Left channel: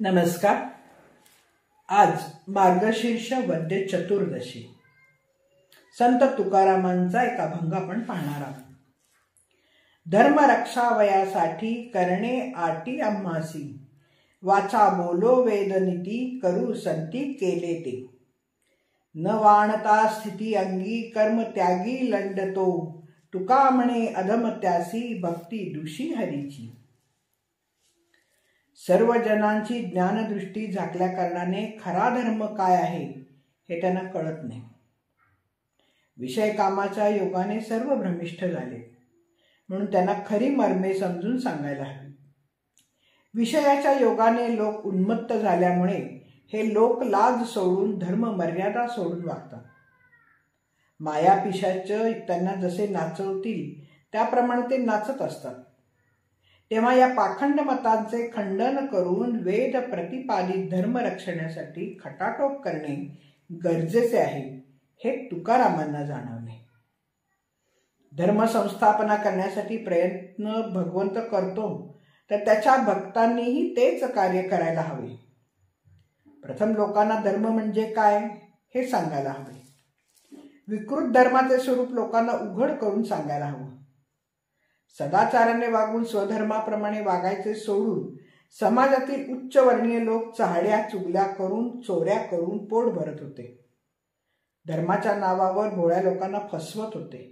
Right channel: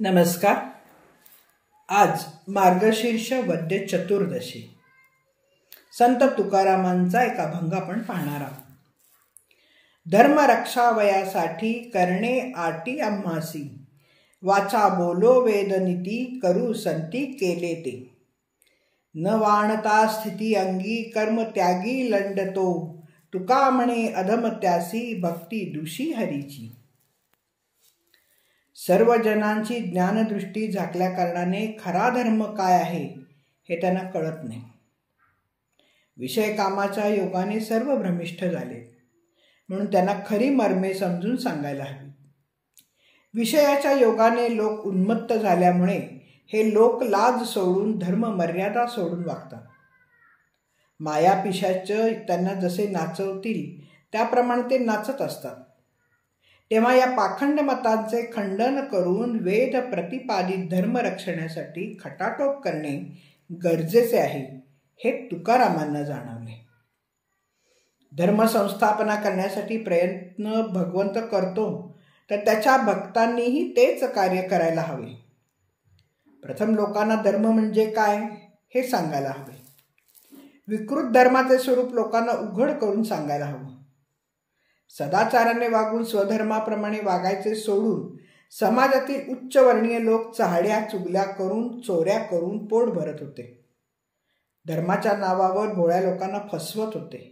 नमस्कार. आज मार्गशीर्ष वद्य चतुर्दशी. संत तुकारामांचा एक अभंग आपण पाहणार आहोत. धर्म रक्षावयासाठी करणे आटी आम्हासी, वाचा बोलो वेदनीती करू संती केले ते. न वाणता स्थिती अंगी कर्म त्यागी लंडतो, तुका म्हणे अधम त्यासी भक्ती दुषी हरीची. सर्व जनांची ज्ञानदृष्टी झाकल्या कारणाने खरा धर्म काय आहे हे त्यांना कळत नाही. विषय कामाच्या योगाने सर्व भ्रमिष्ठ झाले, म्हणून त्यांना खरी मर्मे समजून सांगायला हवी. विषयाच्या योगाने लोक उन्मत्त झाल्यामुळे हे लोक लाज सोडून धर्म मर्यादा सोडून वागतात. माया पिशाच त्यांना जसे नाचवतील त्याप्रमाणे ते नाचत असतात. तेव्हा या पाखंड मतांचे खंडन करून वेद प्रतिपादित धर्म रक्षणासाठी खटाटोप करणे गरजेचे आहे हे तुकारामांना जाणवले. धर्म संस्थापना करण्यासाठी प्रयत्न भगवंत करतो, तर त्याच्या भक्तांनीही तेच कार्य करायला हवे. प्रथम लोकांना धर्म म्हणजे काय हे सांगायला हवे. विकृत धर्माचे स्वरूप लोकांना उघड करून सांगायला हवं. सदाचाराने वागून स्वधर्माप्रमाणे वागायचे सोडून समाजातील उच्चवर्णीय लोक चहाड्या चुगल्या करून चोऱ्या करून पोट भरत होते. धर्माच्या नावावर भोळ्या लोकांना फसवत होते.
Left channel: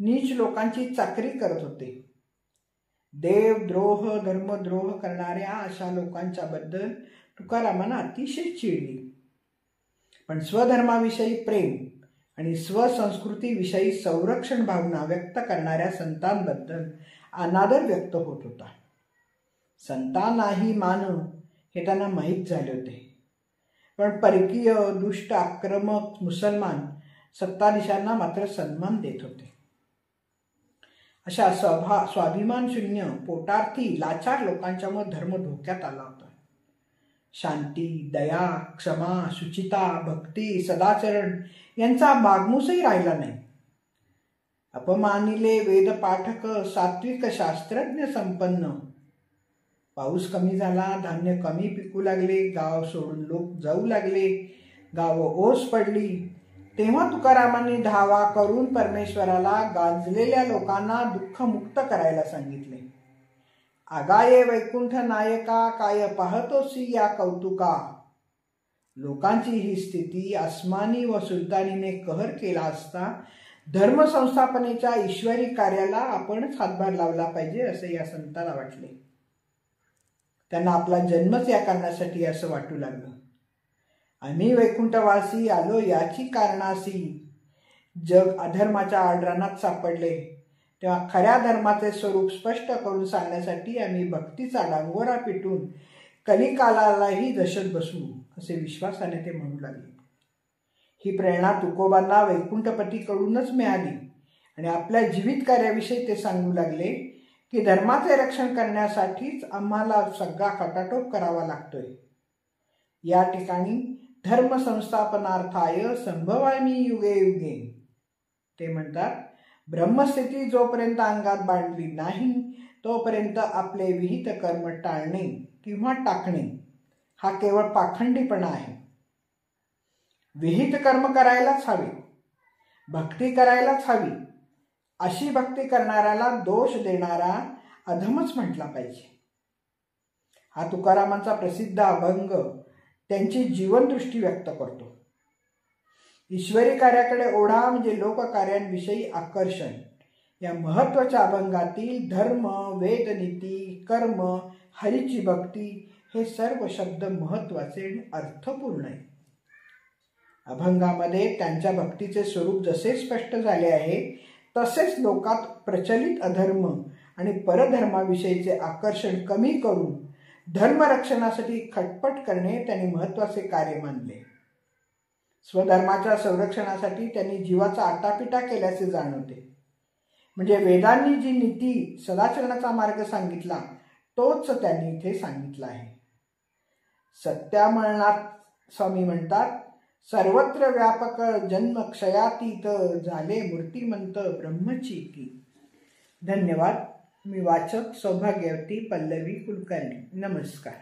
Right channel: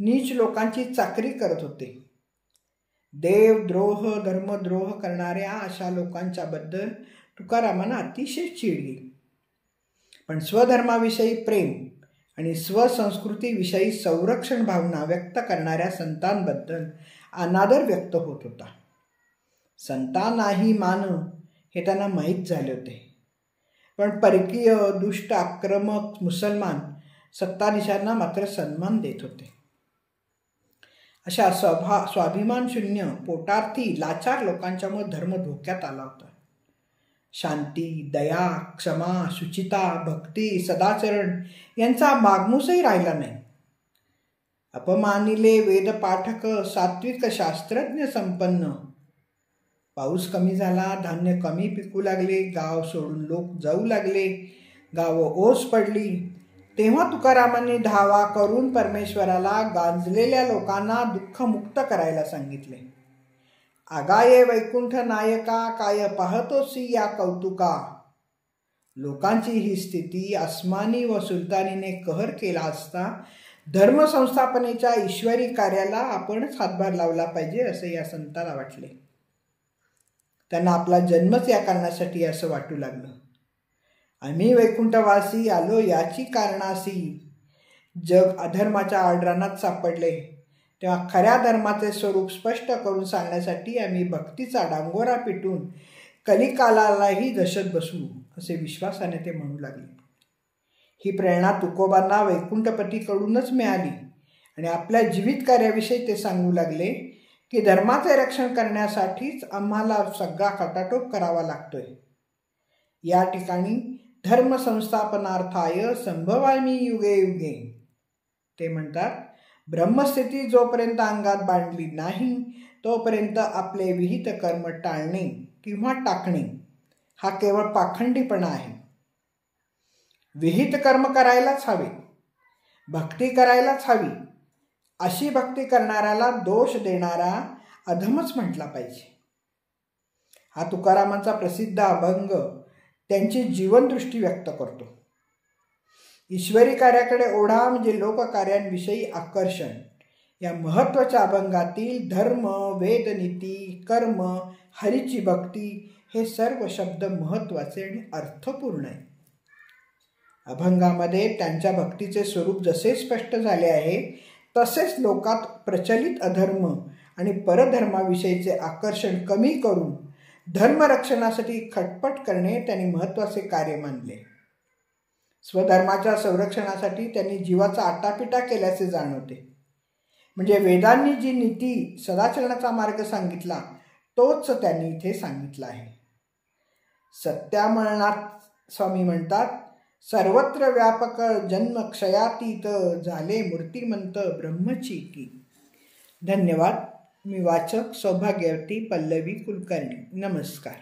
नीच लोकांची चाकरी करत होते. देवद्रोह धर्मद्रोह करणाऱ्या अशा लोकांच्या बद्दल तुकारामांना अतिशय चिडली. पण स्वधर्माविषयी प्रेम आणि स्वसंस्कृतीविषयी संरक्षण भावना व्यक्त करणाऱ्या संतांबद्दल अनादर व्यक्त होत होता. संतांनाही मान हे त्यांना माहीत झाले होते, पण परकीय दुष्ट आक्रमक मुसलमान सत्ताधीशांना मात्र सन्मान देत होते. अशा स्वाभिमान शून्य पोटार्थी लाचार लोकांच्यामुळे धर्म धोक्यात आला होता. शांती, दया, क्षमा, शुचिता, भक्ती, सदाचरण यांचा मागमूसही राहिला नाही. अपमानिले वेदपाठक, सात्विक शास्त्रज्ञ संपन्न. पाऊस कमी झाला, धान्य कमी पिकू लागले, गाव सोडून लोक जाऊ लागले, गाव ओस पडली. तेव्हा तुकारामांनी धावा करून परमेश्वराला गांजलेल्या लोकांना दुःखमुक्त करायला सांगितले. आगाये वैकुंठ नायका, काय पाहतोसी या कौतुका. लोकांची ही स्थिती आसमानी व सुलतानीने कहर केला असता धर्मसंस्थापनेच्या ईश्वरी कार्याला आपणच हातभार लावला पाहिजे असे या संताला वाटले. त्यांना आपला जन्मच या कारणासाठी असं वाटू लागलं. आम्ही वैकुंठवासी आलो याची कारणासी. जग अधर्माच्या आडरानात सापडले, तेव्हा खऱ्या धर्माचे स्वरूप स्पष्ट करून सांगण्यासाठी आम्ही भक्तीचा डांगोरा पिटून कलिकालालाही दशत बसू असे विश्वासाने ते म्हणू लागले. ही प्रेरणा तुकोबांना वैकुंठपतीकडूनच मिळाली आणि आपल्या जीवित कार्याविषयी ते सांगू लागले की धर्माचे रक्षण करण्यासाठीच आम्हाला सगळा खटाटोप करावा लागतोय. या ठिकाणी धर्म संस्थापनार्थाय संभवामी युगे युगे. ते म्हणतात, ब्रह्मस्थिती जोपर्यंत अंगात बांधली नाही तोपर्यंत आपले विहित कर्म टाळणे किंवा टाकणे हा केवळ पाखंडीपणा आहे. विहित कर्म करायलाच हवे, भक्ती करायलाच हवी. अशी भक्ती करणाऱ्याला दोष देणारा अधमच म्हटला पाहिजे. हा तुकारामांचा प्रसिद्ध अभंग त्यांची जीवनदृष्टी व्यक्त करतो. ईश्वरी कार्याकडे ओढा म्हणजे लोककार्यांविषयी आकर्षण या महत्त्वाच्या अभंगातील धर्म, वेदनीती, कर्म, हरीची भक्ती हे सर्व शब्द महत्त्वाचे आणि अर्थपूर्ण आहे. अभंगामध्ये त्यांच्या भक्तीचे स्वरूप जसे स्पष्ट झाले आहे तसेच लोकात प्रचलित अधर्म आणि परधर्माविषयीचे आकर्षण कमी करून धर्मरक्षणासाठी खटपट करणे त्यांनी महत्त्वाचे कार्य मानले. स्वधर्माच्या संरक्षणासाठी त्यांनी जीवाचा आटापिटा केल्याचे जाणवते. म्हणजे वेदांनी जी नीती सदाचरणाचा मार्ग सांगितला तोच त्यांनी इथे सांगितला आहे. सत्यामळनाथ स्वामी म्हणतात, सर्वत्र व्यापक जन्म क्षयातीत, झाले मूर्तिमंत ब्रह्मची की. धन्यवाद. मी वाचक सौभाग्यवती पल्लवी कुलकर्णी. नमस्कार.